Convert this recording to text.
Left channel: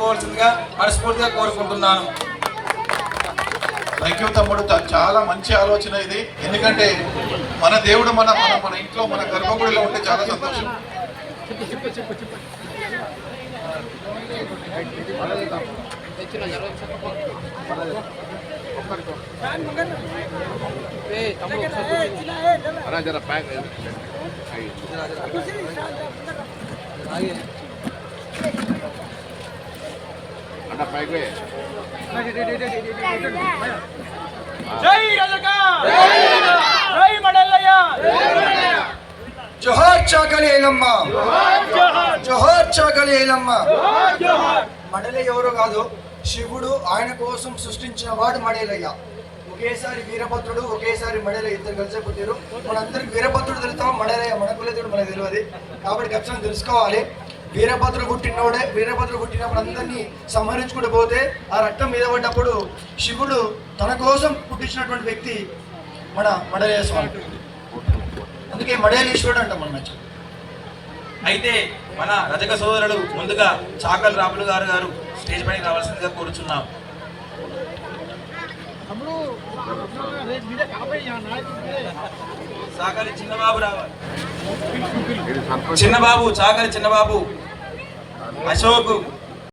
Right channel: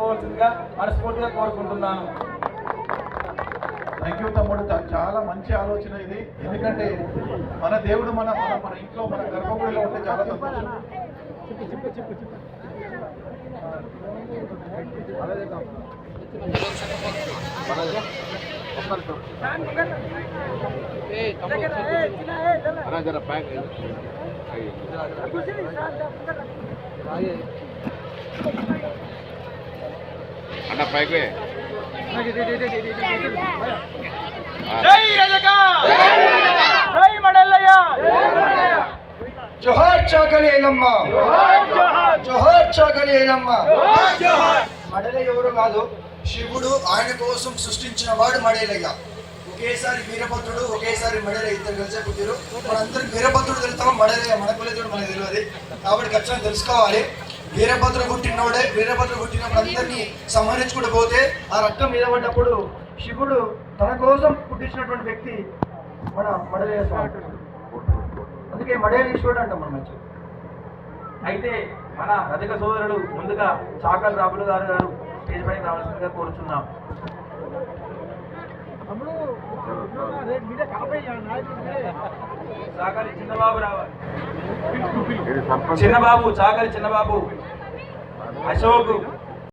చేసుకోవాల్సిందిగా మనస్ఫూర్తిగా కోరుకుంటున్నాను. థ్యాంక్ యూ తమ్ముడు. త- చాలా మంచి ఆలోచన ఇది. ఎందుకంటే మన దేవుడు మన మన మన ఇంట్లో మన గర్భగుడిలో ఉంటే చాలా సంతోషం. అన్నా జోహార్ చాకలి ఐలమ్మ జోహార్ చాకలి ఐలమ్మ మడలే ఎవరో కాదు శివుడు ఆయన కోసం సృష్టించిన వాడు మడేలయ్య ఒకేసారి వీరభద్రుడు ఒకేసారి మడలే ఇద్దరు కలిసే పుట్టారు మనందరికి వీరభద్రుడు తెలుస్తామో మడలే మడకులేదుడు మనకు తెలియదు. కాబట్టి ఖచ్చితంగా తెలుసుకోవాలి. వీరభద్రుడు పుట్టినోడే వీరభద్రుడు పుట్టిన అందరినీ సంహరించుకుంటూ పోతే ఆ రక్తం మీద పడ్డప్పుడు శివుడు తన కోసం పుట్టించినటువంటి వ్యక్తి మన మడలయ్య స్వామి. అందుకే మడేలీశ్వరుడు అంటాం మనం యాక్చువల్లీ. అయితే మన రజక సోదరులు ముందుగా చాకల్ రాములు గారు గారు స్టేజ్ పైకి రావాల్సిందిగా కోరుచున్నాం. చాకలి చిన్నబాబు రావాలి. చిన్నబాబు చాకలి చిన్నబాబు అశోక్.